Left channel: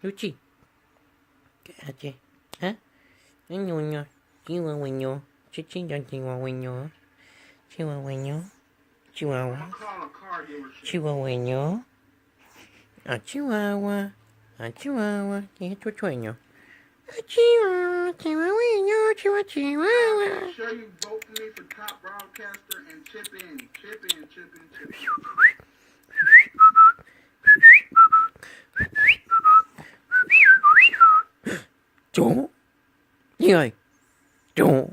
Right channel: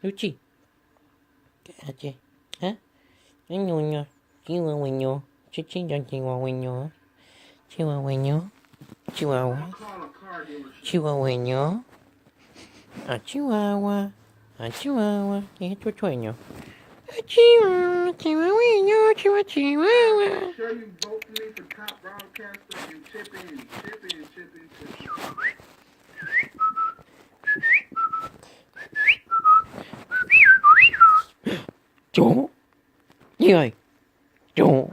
Luchi. ¿Qué hace? ¿Ah? Niño, chihuahueño. Chichillo, chihuahueño. Chihuahueño. Chihuahua. Chihuahueño. A Chihuahua. A Chihuahua. ¿Qué es tu sueño? A Chihuahua, chihuahueño, chihuahua. Sure you vote for me for top broadcaster and chip in. Chú. Gì ơi? Chú.